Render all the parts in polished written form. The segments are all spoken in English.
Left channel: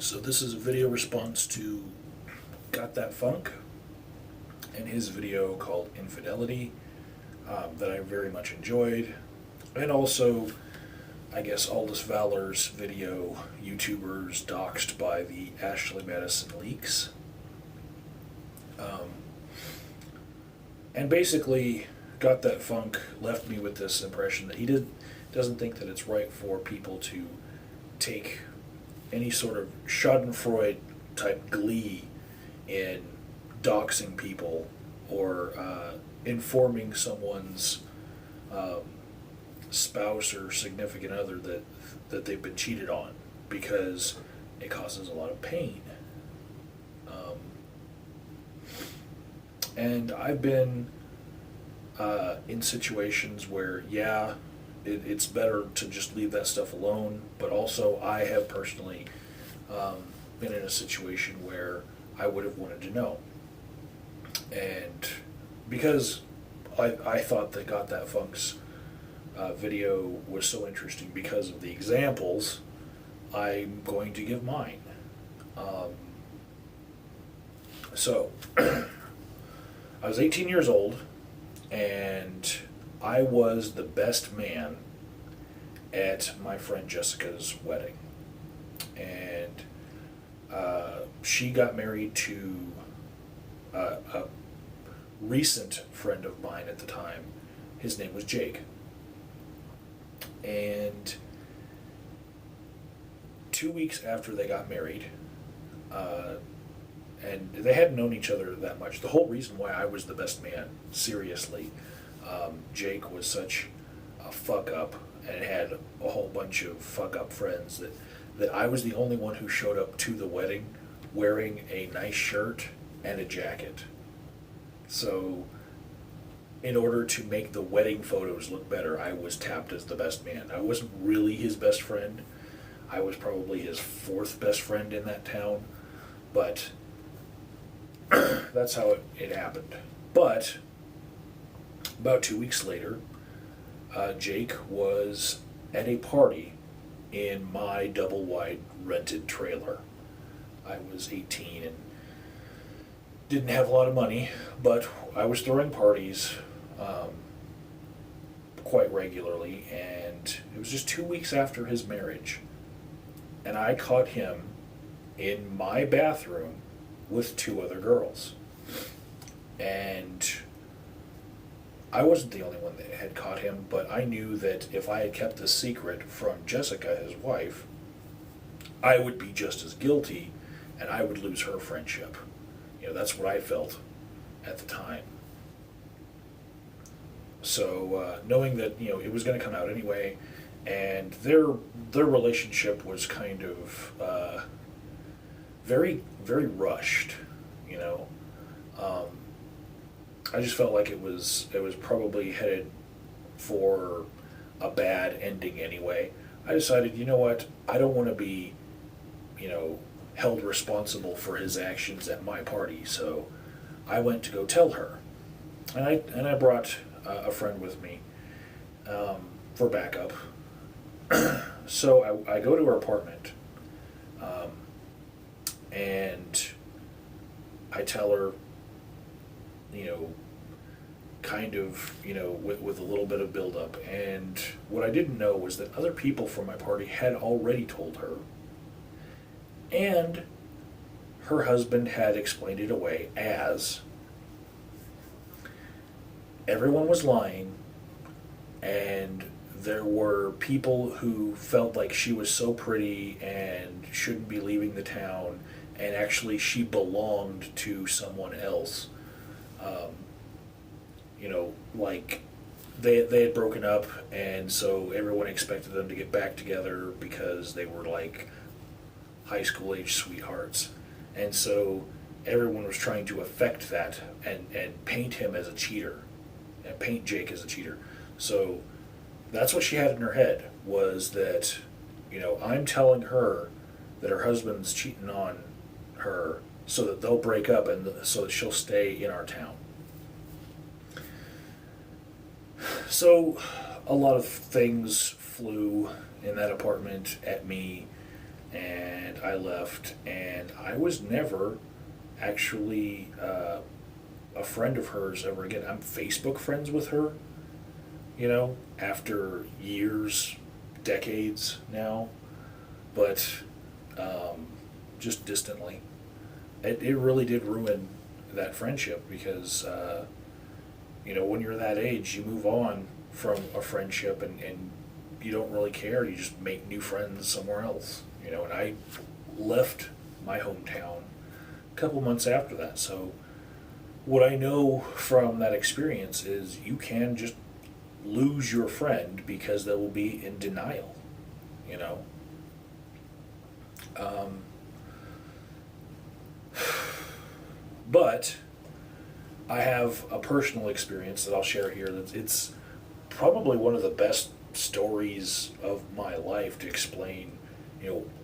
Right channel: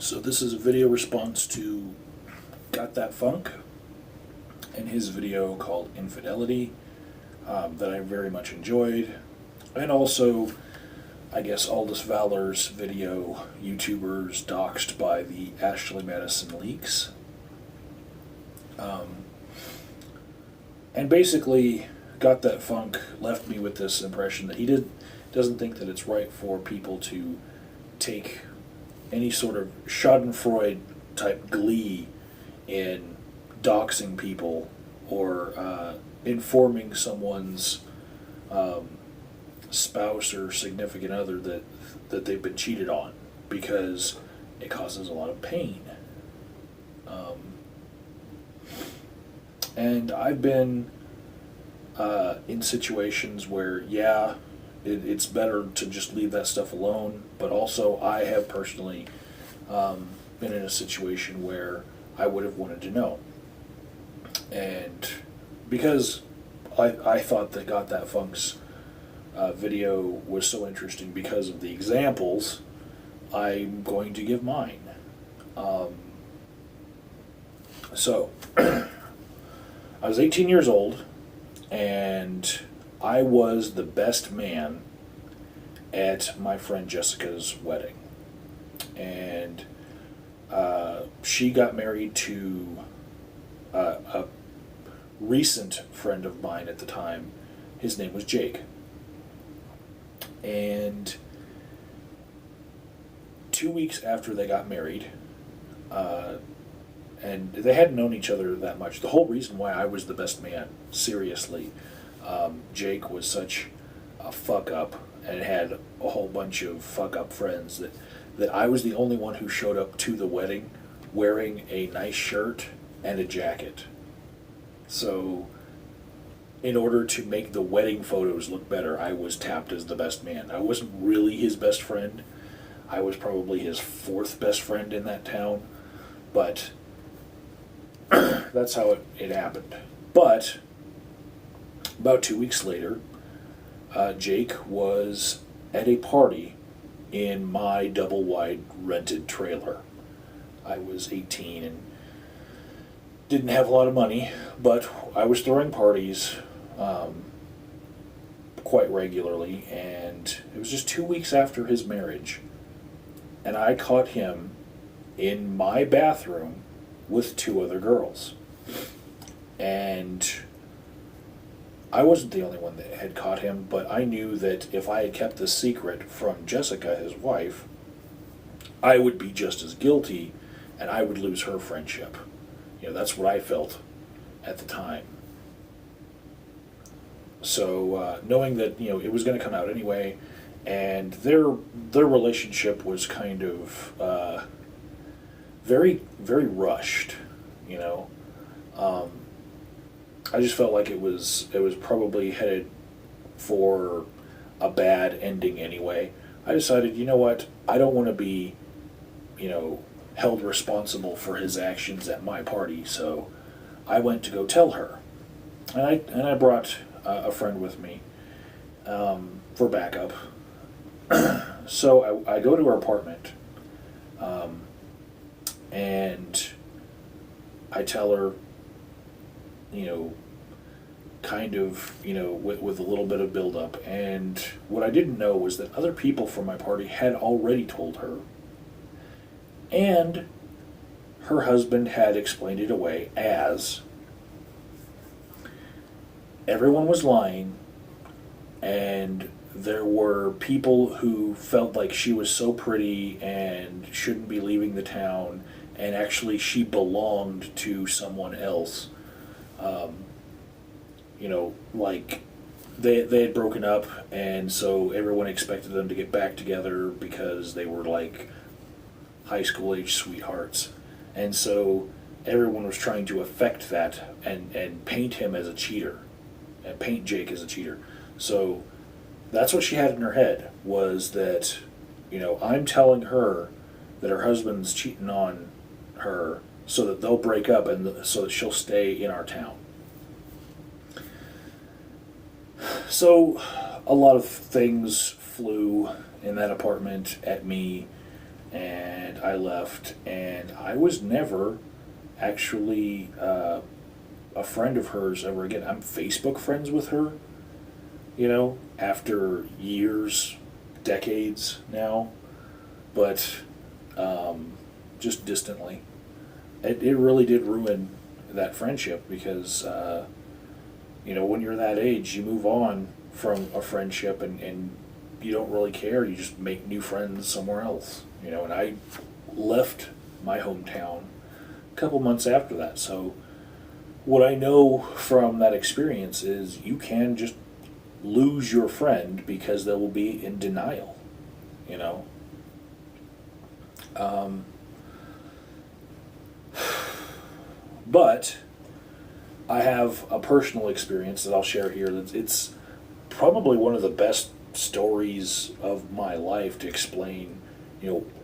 So this is a video response to Got That Funk and his video called Infidelity that I very much enjoyed. And also, I guess, Aldous Valor's video, YouTubers doxxed by the Ashley Madison leaks. And basically, Got That Funk left me with this impression that he doesn't think that it's right for people to take any sort of Schadenfreude type glee in doxing people or informing someone's spouse or significant other that they've been cheated on, because it causes a lot of pain. And I've been in situations where, yeah, it's better to just leave that stuff alone, but also I have personally been in a situation where I would have wanted to know. And because I thought that Got That Funk's video was so interesting because of the examples, I'm going to give mine. So, I was 18 years old, and I was the best man at my friend Jessica's wedding. And she got married to a recent friend of mine at the time. His name was Jake. And 2 weeks after they got married, and they hadn't known each other that much. The whole reason why I was the best man, seriously, Jake was such a fuck up and had a whole bunch of fuck up friends that I was the only one who showed up to the wedding wearing a nice shirt and a jacket. So, in order to make the wedding photos look better, I was tapped as the best man. I wasn't really his best friend. I was probably his fourth best friend in that town, but that's how it happened. But about 2 weeks later, Jake was at a party in my double-wide rented trailer. I was 18 and didn't have a lot of money, but I was throwing parties quite regularly, and it was just 2 weeks after his marriage, and I caught him in my bathroom with two other girls. And I wasn't the only one that had caught him, but I knew that if I had kept this secret from Jessica, his wife, I would be just as guilty, and I would lose her friendship. That's what I felt at the time. So, knowing that, it was going to come out anyway, and their relationship was kind of very, very rushed, I just felt like it was probably headed for a bad ending anyway. I decided, you know what, I don't want to be, held responsible for his actions at my party, so I went to go tell her. And I brought a friend with me for backup. So I go to her apartment, and I tell her, kind of, with a little bit of build-up. And what I didn't know was that other people from my party had already told her, and her husband had explained it away as everyone was lying, and there were people who felt like she was so pretty and shouldn't be leaving the town, and actually she belonged to someone else. Like they had broken up, and so everyone expected them to get back together because they were like high school age sweethearts. And so everyone was trying to affect that and paint him as a cheater, and paint Jake as a cheater. So that's what she had in her head, was that, I'm telling her that her husband's cheating on her so that they'll break up and so that she'll stay in our town. So a lot of things flew in that apartment at me. and I left, and I was never actually a friend of hers ever again. I'm Facebook friends with her, after years, decades now, but just distantly. It really did ruin that friendship because, when you're that age, you move on from a friendship and you don't really care. You just make new friends somewhere else, and I left my hometown a couple months after that. So what I know from that experience is you can just lose your friend because they will be in denial, you know. Um, but I have a personal experience that I'll share here. It's probably one of the best stories of my life to explain,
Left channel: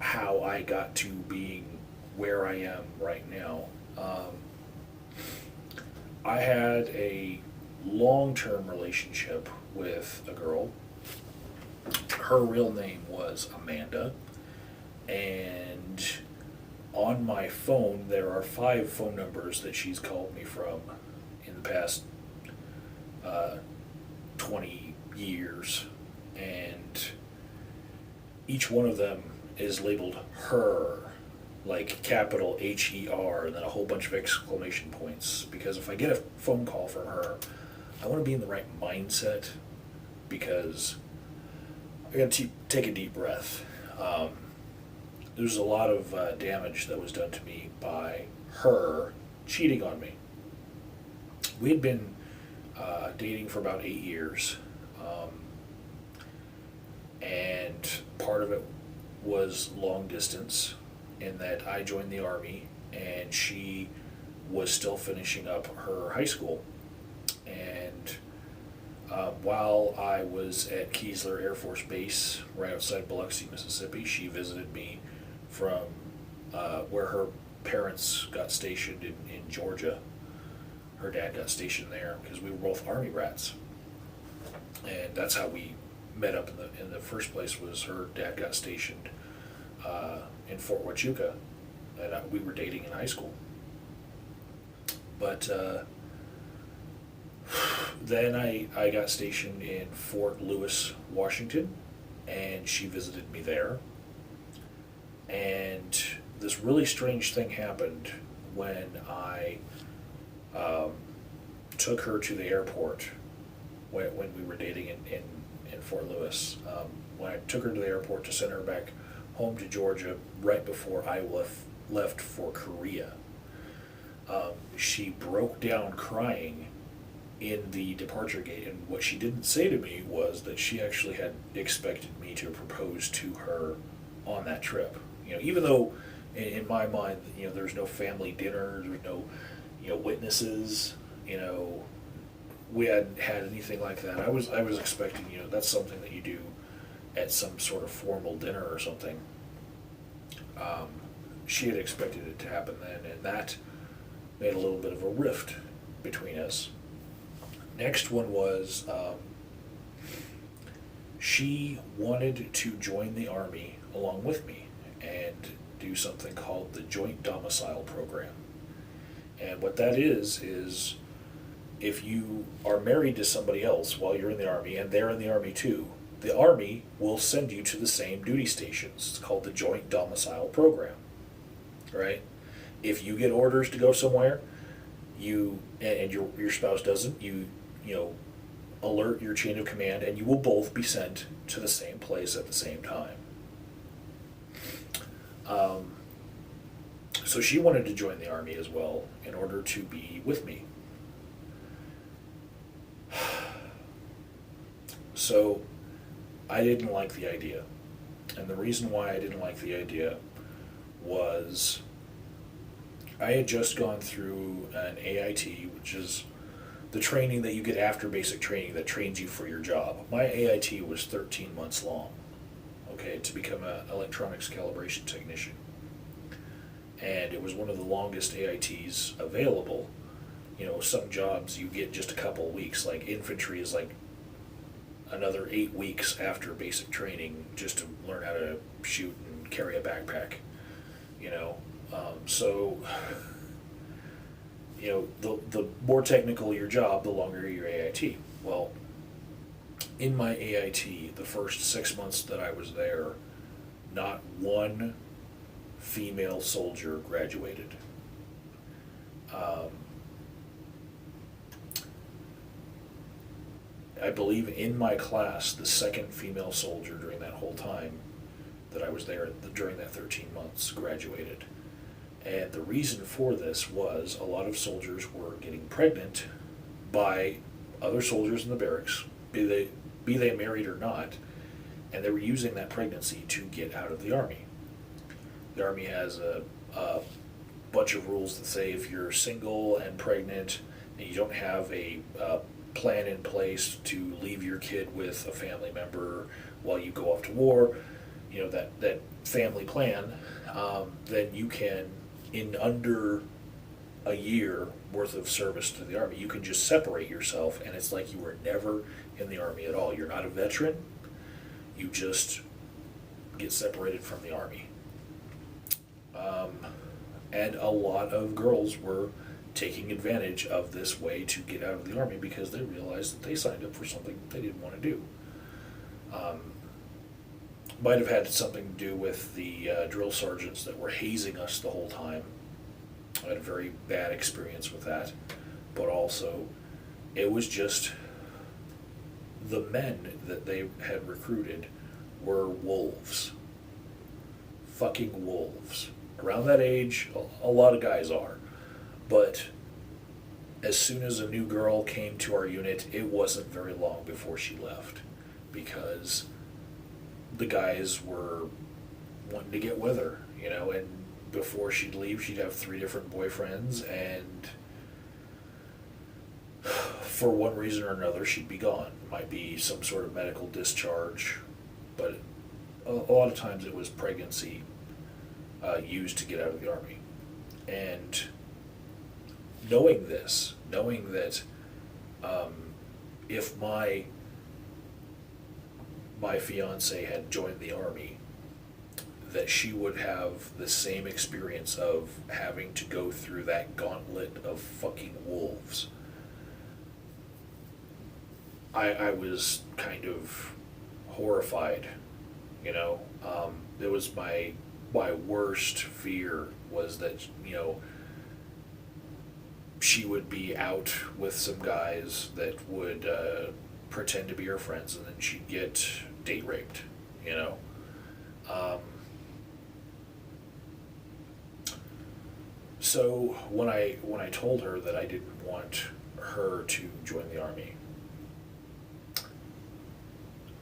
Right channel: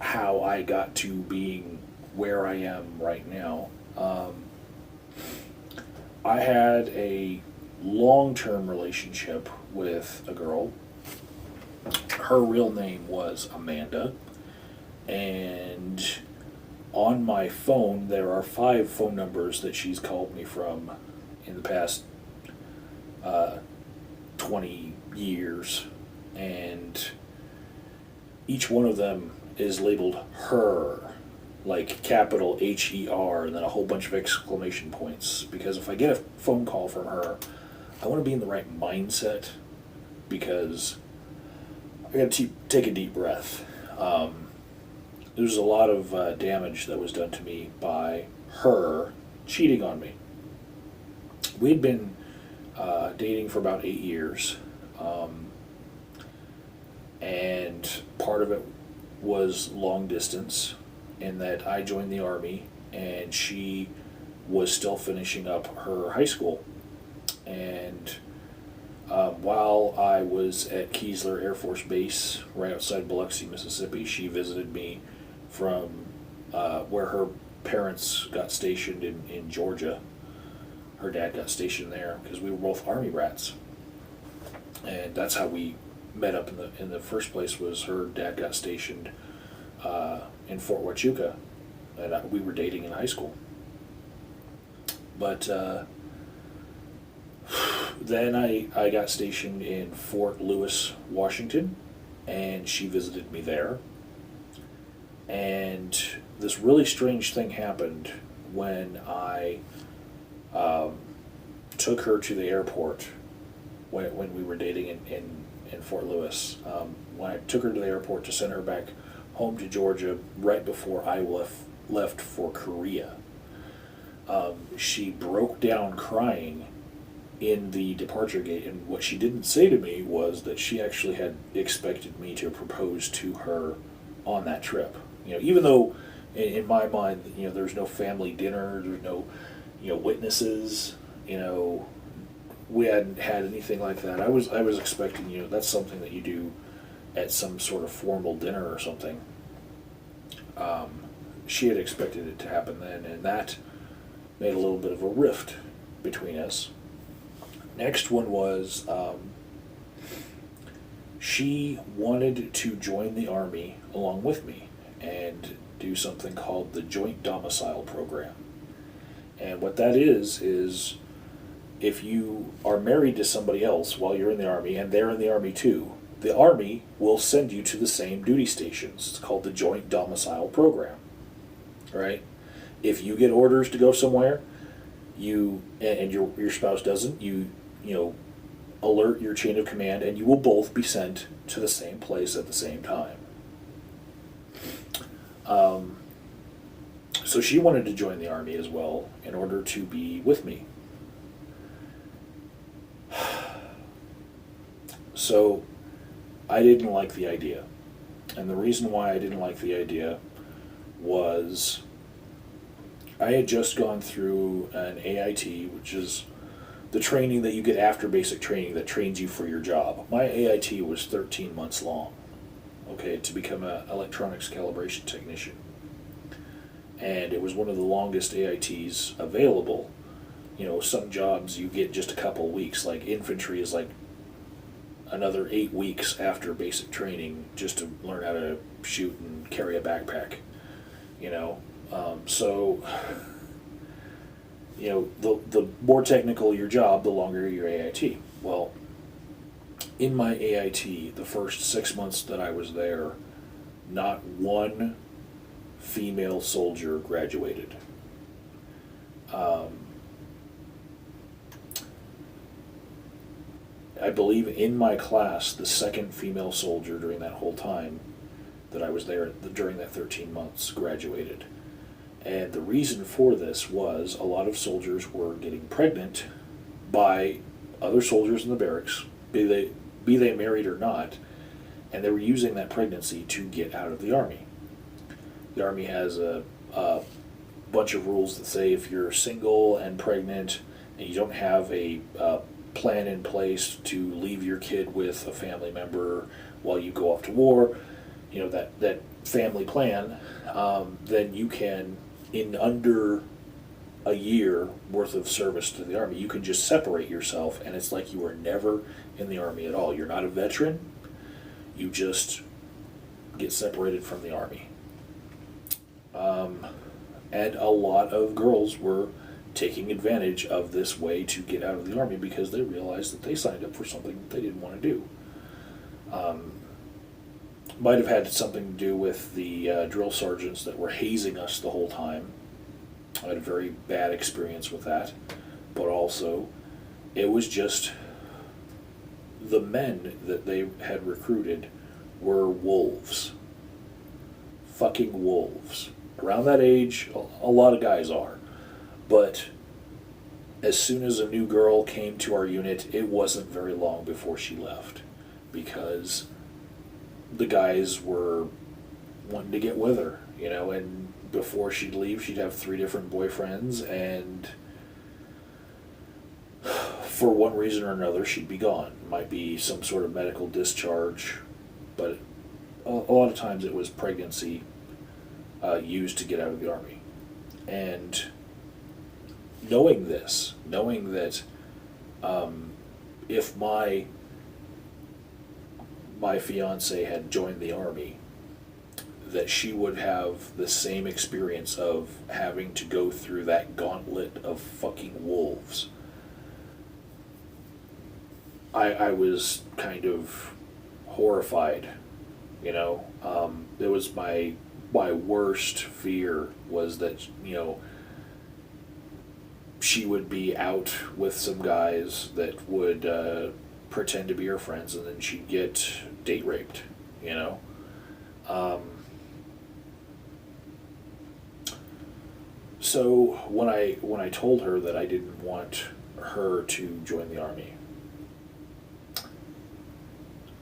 how I got to being where I am right now. I had a long-term relationship with a girl. Her real name was Amanda, and on my phone there are 5 phone numbers that she's called me from in the past 20 years, and each one of them is labeled her, like capital HER, and then a whole bunch of exclamation points, because if I get a phone call from her, I want to be in the right mindset, because I got to take a deep breath. There's a lot of damage that was done to me by her cheating on me. We had been dating for about 8 years, and part of it was long distance, in that I joined the Army and she was still finishing up her high school. And while I was at Keesler Air Force Base right outside Biloxi, Mississippi, she visited me from where her parents got stationed in Georgia. Her dad got stationed there because we were both Army brats, and that's how we met up in the first place. Was her dad got stationed in Fort Huachuca, and we were dating in high school. But then I got stationed in Fort Lewis, Washington, and she visited me there. And this really strange thing happened when I took her to the airport when we were dating in Fort Lewis. When I took her to the airport to send her back home to Georgia right before I left for Korea, she broke down crying in the departure gate, and what she didn't say to me was that she actually had expected me to propose to her on that trip. Even though in my mind, there's no family dinner, there's no, witnesses, we hadn't had anything like that. I was expecting, that's something that you do at some sort of formal dinner or something. She had expected it to happen then, and that made a little bit of a rift between us. Next one was she wanted to join the Army along with me and do something called the Joint Domicile Program. And what that is if you are married to somebody else while you're in the Army and they're in the Army too, the Army will send you to the same duty stations. It's called the Joint Domicile Program, right? If you get orders to go somewhere, and your spouse doesn't, you alert your chain of command, and you will both be sent to the same place at the same time. So she wanted to join the Army as well in order to be with me. So I didn't like the idea. And the reason why I didn't like the idea was I had just gone through an AIT, which is the training that you get after basic training that trains you for your job. My AIT was 13 months long, to become an electronics calibration technician. And it was one of the longest AITs available. Some jobs you get just a couple of weeks, like infantry is like another 8 weeks after basic training just to learn how to shoot and carry a backpack. You know, so you know, the more technical your job, the longer your AIT. Well, in my AIT, the first 6 months that I was there, not one female soldier graduated. I believe in my class, the second female soldier during that whole time that I was there during that 13 months graduated. And the reason for this was a lot of soldiers were getting pregnant by other soldiers in the barracks, be they married or not, and they were using that pregnancy to get out of the Army. The Army has a bunch of rules that say if you're single and pregnant and you don't have a plan in place to leave your kid with a family member while you go off to war, you know, that family plan, then you can, in under a year worth of service to the Army, you can just separate yourself, and it's like you were never in the Army at all. You're not a veteran. You just get separated from the Army. And a lot of girls were taking advantage of this way to get out of the Army because they realized that they signed up for something that they didn't want to do. Might have had something to do with the drill sergeants that were hazing us the whole time. I had a very bad experience with that. But also, it was just the men that they had recruited were wolves. Fucking wolves. Around that age, a lot of guys are. But as soon as a new girl came to our unit, it wasn't very long before she left. Because the guys were wanting to get with her, you know, and before she'd leave, she'd have 3 different boyfriends, and for one reason or another, she'd be gone. It might be some sort of medical discharge, but a lot of times it was pregnancy used to get out of the Army. And knowing that if my fiance had joined the Army, that she would have the same experience of having to go through that gauntlet of fucking wolves. I was kind of horrified, you know. It was my worst fear was that, you know, she would be out with some guys that would pretend to be her friends, and then she'd get date raped, you know. So when I told her that I didn't want her to join the Army,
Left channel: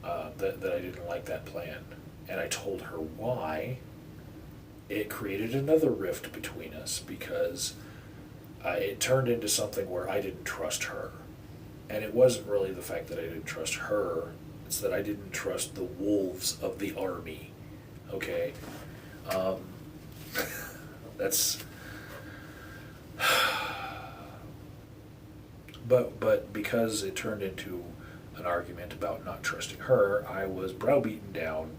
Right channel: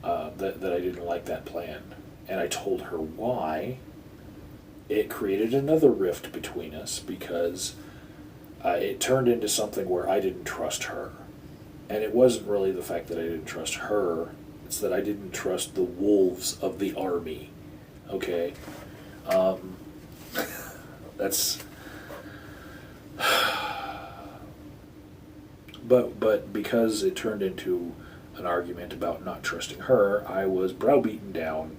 that I didn't like that plan, and I told her why, it created another rift between us because it turned into something where I didn't trust her. And it wasn't really the fact that I didn't trust her, it's that I didn't trust the wolves of the Army. Okay? That's... But because it turned into an argument about not trusting her, I was browbeaten down,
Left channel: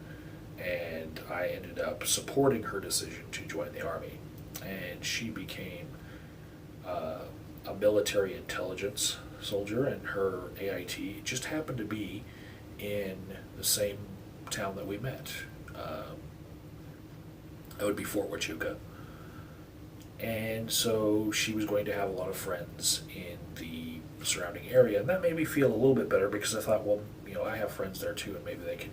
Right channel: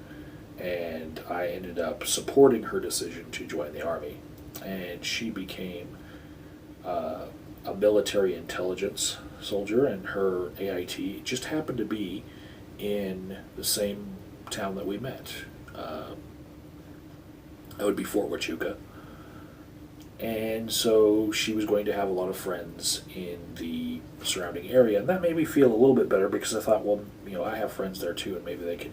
and I ended up supporting her decision to join the Army. And she became a military intelligence soldier, and her AIT just happened to be in the same town that we met. That would be Fort Huachuca. And so she was going to have a lot of friends in the surrounding area, and that made me feel a little bit better because I thought, well, you know, I have friends there too, and maybe they can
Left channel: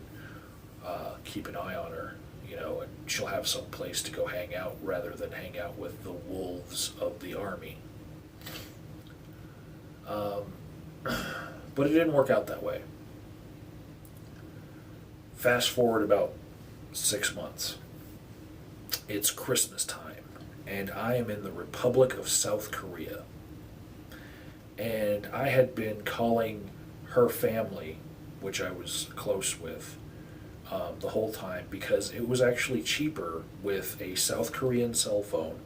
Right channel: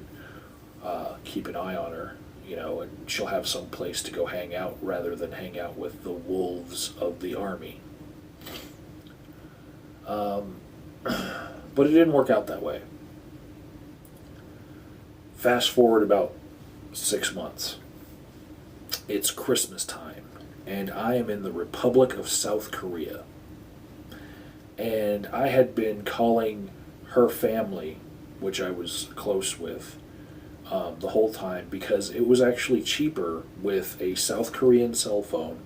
keep an eye on her, you know, and she'll have some place to go hang out rather than hang out with the wolves of the Army. But it didn't work out that way. Fast forward about 6 months. It's Christmas time, and I am in the Republic of South Korea. And I had been calling her family, which I was close with, the whole time, because it was actually cheaper with a South Korean cell phone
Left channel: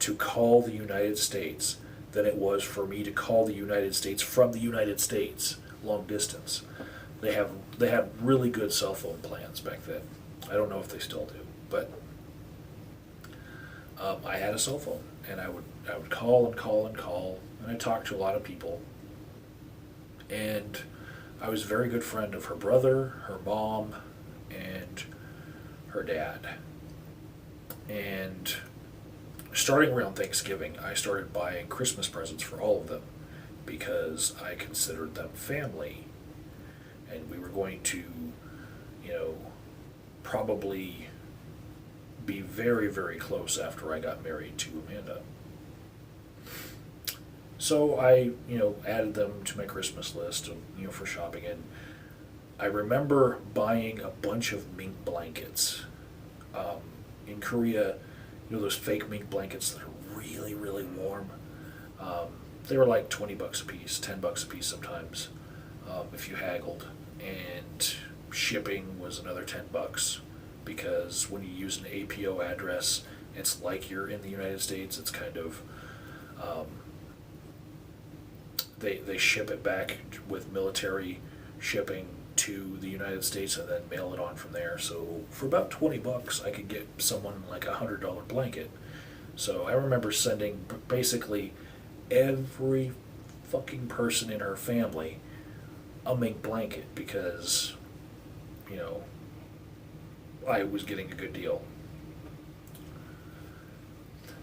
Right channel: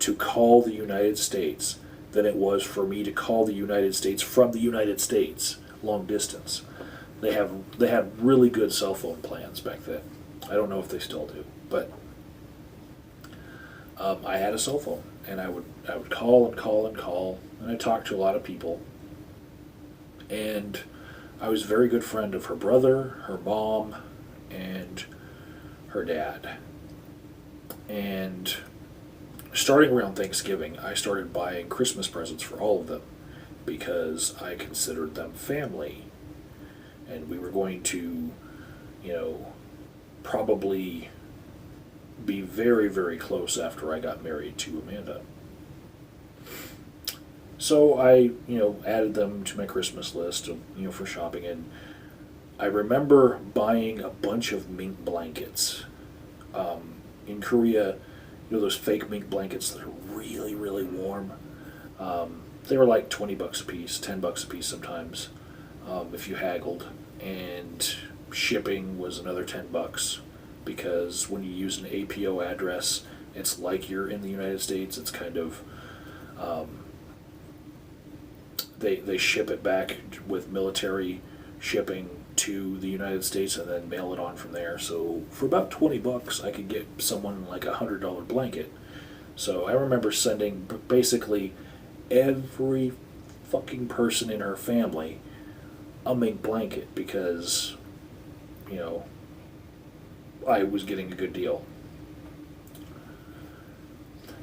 to call the United States than it was for me to call the United States from the United States, long distance. They had really good cell phone plans back then. I don't know if they still do, but I had a cell phone, and I would call and call and call, and I talked to a lot of people, and I was a very good friend of her brother, her mom, and her dad. And starting around Thanksgiving, I started buying Christmas presents for all of them because I considered them family. And we were going to, probably be very, very close after I got married to Amanda. So I, added them to my Christmas list, for shopping. And I remember buying a bunch of mink blankets. In Korea, those fake mink blankets that are really, really warm. They were like $20 a piece, $10 a piece sometimes, if you haggled. And shipping was another $10 because when you use an APO address, it's like you're in the United States. It's kind of they ship it back with military shipping to the United States and then mail it on from there. So for about $20, I could get someone like a $100 blanket. So I remember sending basically every fucking person in her family a mink blanket because, I was getting a good deal.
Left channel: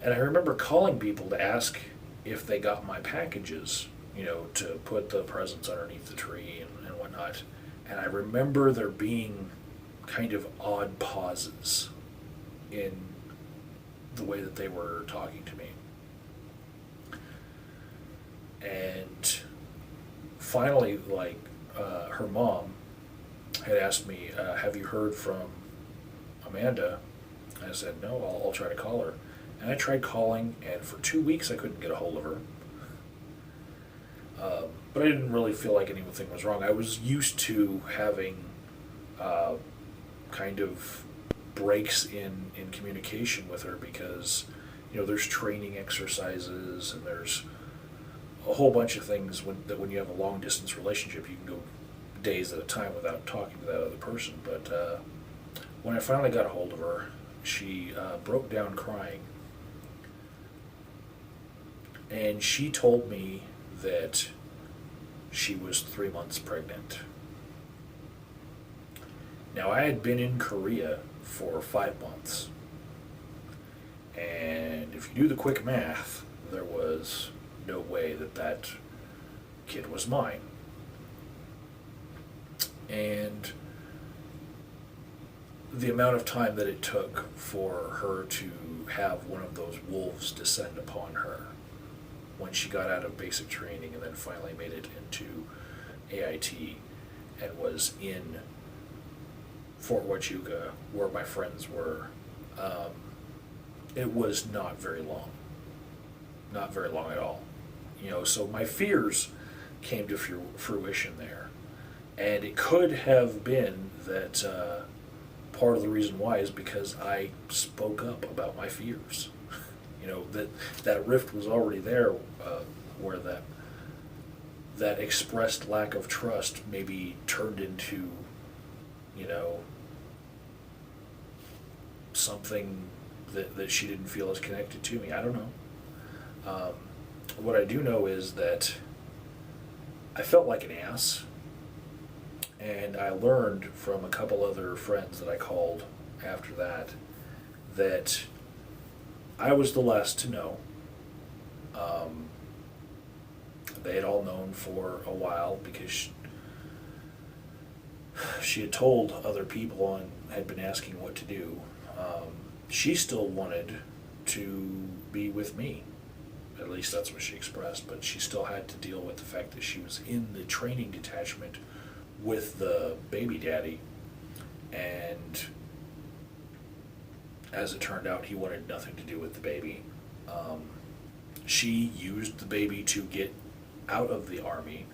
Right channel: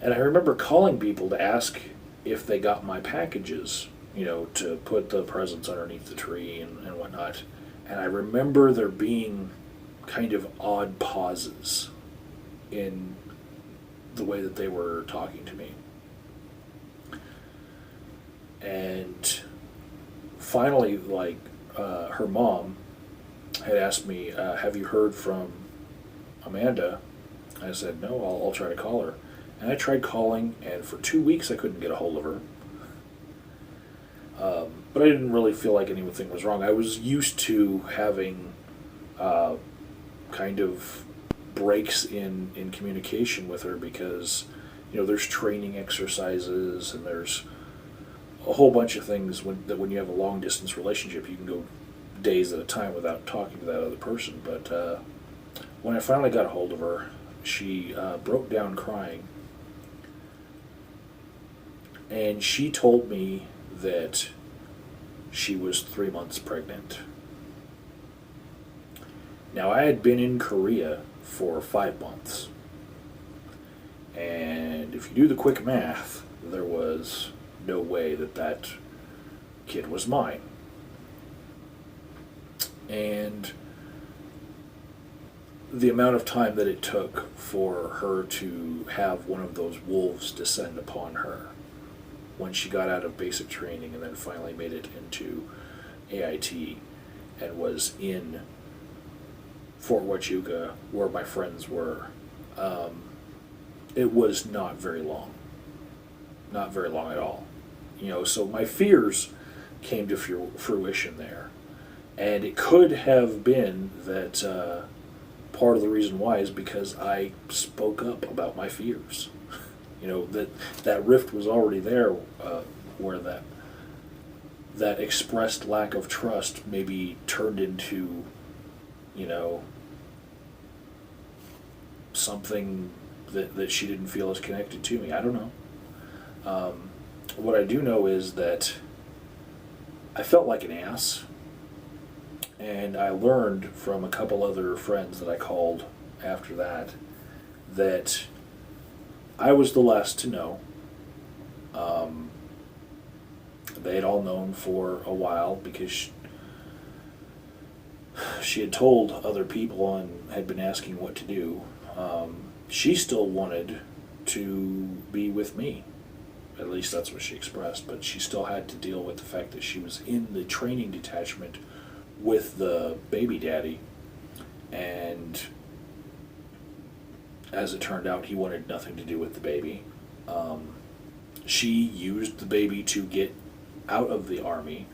And I remember calling people to ask if they got my packages, to put the presents underneath the tree and whatnot. And I remember there being kind of odd pauses in the way that they were talking to me. And finally, her mom had asked me, have you heard from Amanda? I said, no, I'll try to call her. And I tried calling, and for 2 weeks I couldn't get a hold of her. But I didn't really feel like anything was wrong. I was used to having kind of breaks in communication with her because, there's training exercises and there's a whole bunch of things when you have a long distance relationship, you can go days at a time without talking to that other person. But when I finally got a hold of her, she broke down crying. And she told me that she was 3 months pregnant. Now, I had been in Korea for 5 months. And if you do the quick math, there was no way that kid was mine. And the amount of time that it took for her to have one of those wolves descend upon her when she got out of basic training and then finally made it into AIT and was in Fort Huachuca where my friends were, it was not very long. Not very long at all. So my fears came to fruition there. And it could have been that part of the reason why is because I spoke up about my fears. That rift was already there, where that expressed lack of trust maybe turned into, something that she didn't feel as connected to me. I don't know. What I do know is that I felt like an ass, and I learned from a couple other friends that I called after that I was the last to know. They had all known for a while because she had told other people and had been asking what to do. She still wanted to be with me. At least that's what she expressed. But she still had to deal with the fact that she was in the training detachment with the baby daddy. And as it turned out, he wanted nothing to do with the baby. She used the baby to get out of the army.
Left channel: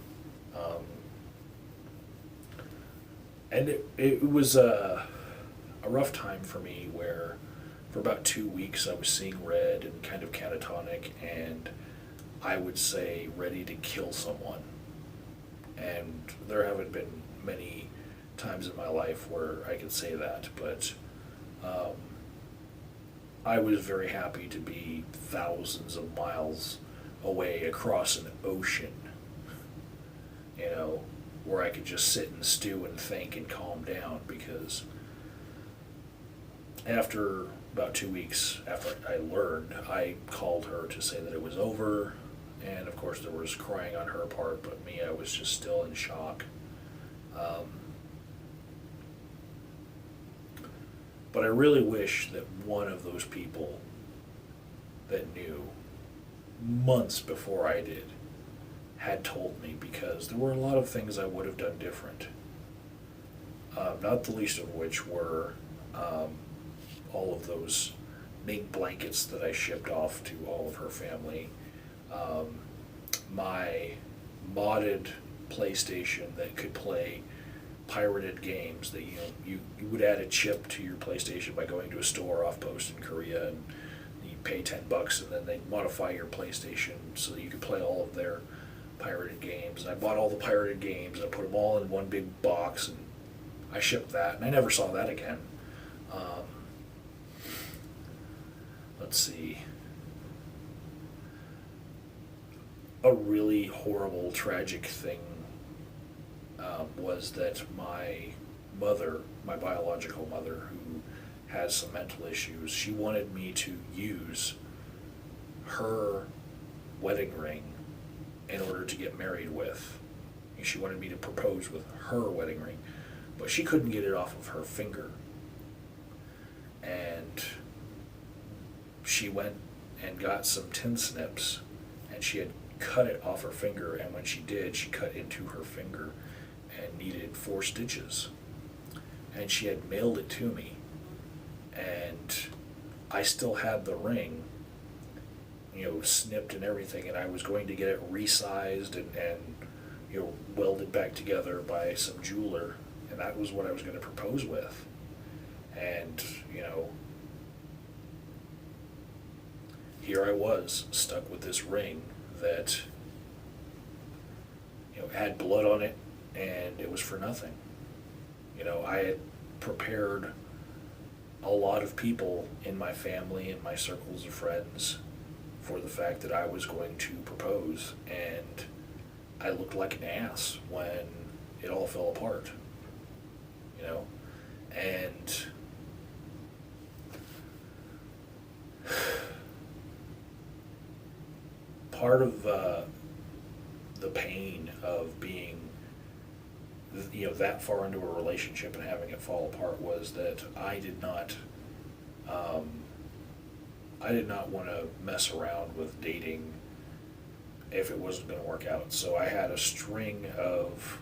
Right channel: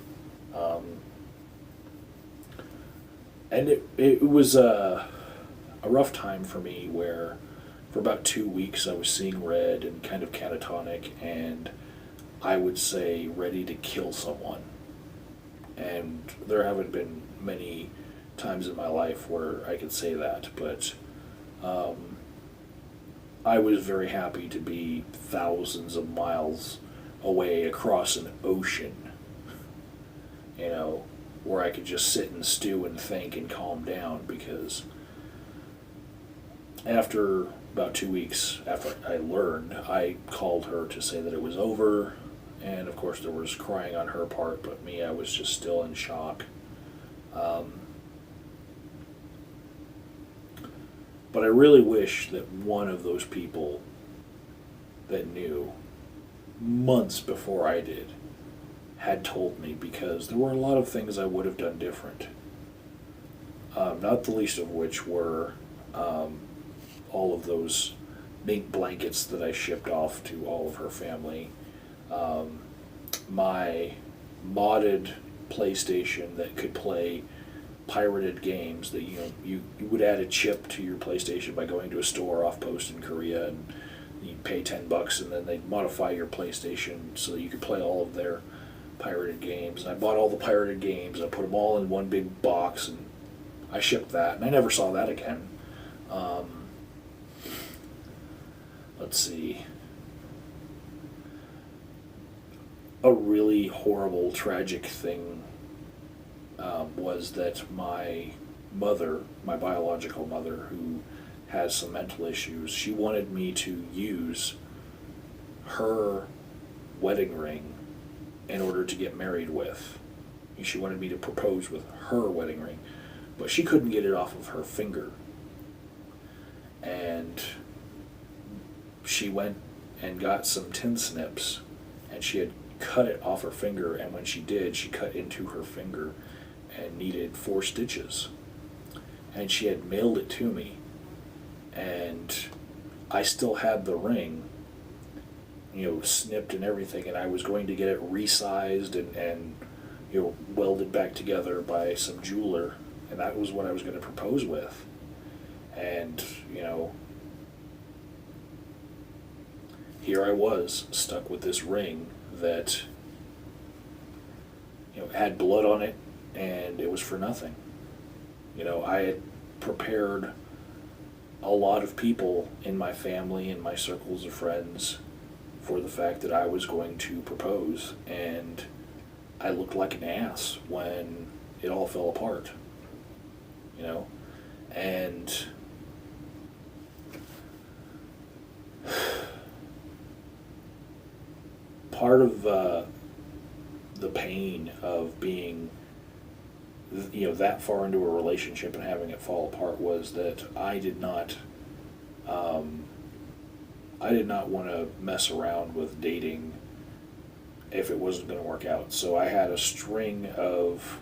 And it was a rough time for me where for about 2 weeks I was seeing red and kind of catatonic, and I would say ready to kill someone. And there haven't been many times in my life where I could say that, but I was very happy to be thousands of miles away across an ocean, where I could just sit and stew and think and calm down, because after about 2 weeks after I learned, I called her to say that it was over, and of course there was crying on her part, but me, I was just still in shock. But I really wish that one of those people that knew months before I did had told me, because there were a lot of things I would have done different. Not the least of which were all of those mink blankets that I shipped off to all of her family, my modded PlayStation that could play pirated games, that you would add a chip to your PlayStation by going to a store off post in Korea, and you'd pay $10 and then they'd modify your PlayStation so that you could play all of their pirated games. And I bought all the pirated games, I put them all in one big box, and I shipped that, and I never saw that again. Let's see. A really horrible, tragic thing was that my mother, my biological mother, who has some mental issues, she wanted me to use her wedding ring in order to get married with. She wanted me to propose with her wedding ring, but she couldn't get it off of her finger. And she went and got some tin snips, and she had cut it off her finger, and when she did, she cut into her finger and needed 4 stitches. And she had mailed it to me, and I still had the ring, snipped and everything, and I was going to get it resized and welded back together by some jeweler, and that was what I was going to propose with. And, here I was, stuck with this ring that, had blood on it, and it was for nothing. I had prepared a lot of people in my family and my circles of friends for the fact that I was going to propose, and I looked like an ass when it all fell apart. And part of the pain of being that far into a relationship and having it fall apart was that I did not want to mess around with dating if it wasn't going to work out. So I had a string of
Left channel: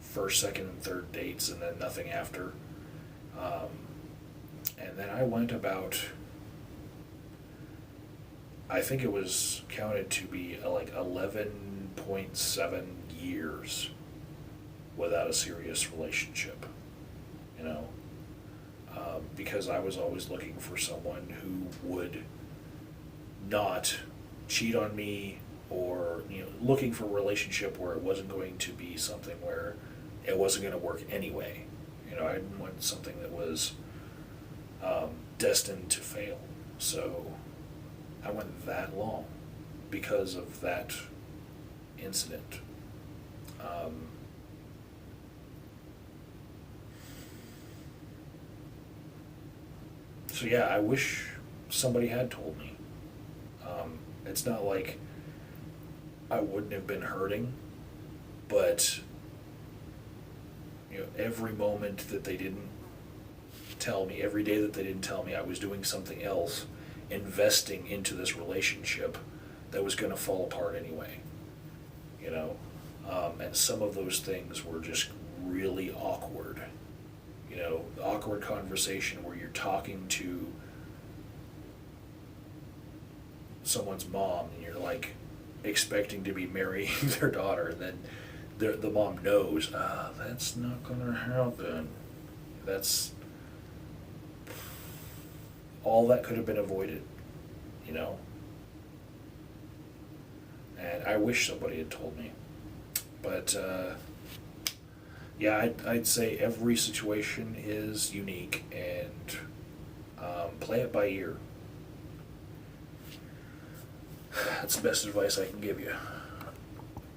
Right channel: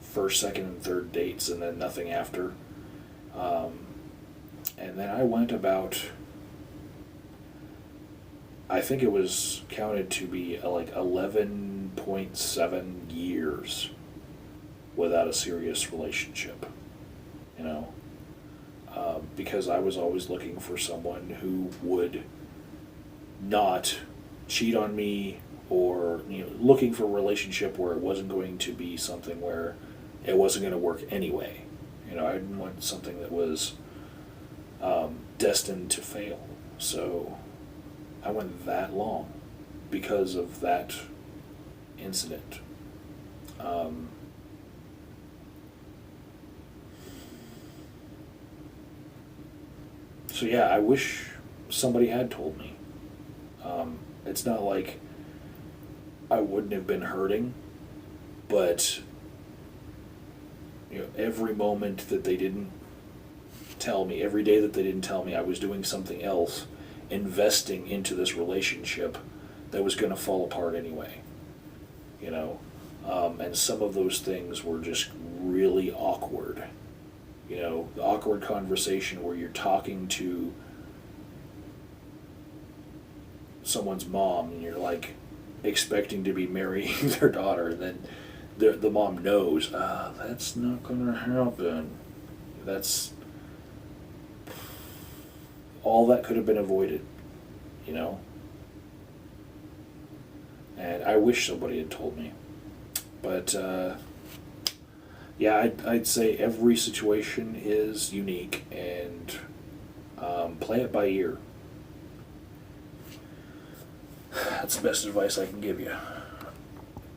first, second, and third dates, and then nothing after. And then I went about, I think it was counted to be like 11.7 years without a serious relationship, because I was always looking for someone who would not cheat on me, or looking for a relationship where it wasn't going to be something where it wasn't going to work anyway. I didn't want something that was destined to fail. So I went that long because of that incident. So yeah, I wish somebody had told me. It's not like I wouldn't have been hurting, but every moment that they didn't tell me, every day that they didn't tell me, I was doing something else, investing into this relationship that was going to fall apart anyway. And some of those things were just really awkward. The awkward conversation where you're talking to someone's mom and you're like expecting to be marrying their daughter, and then the mom knows, that's not going to happen. That's all that could have been avoided, And I wish somebody had told me. But, yeah, I'd say every situation is unique, and play it by ear. That's the best advice I can give you.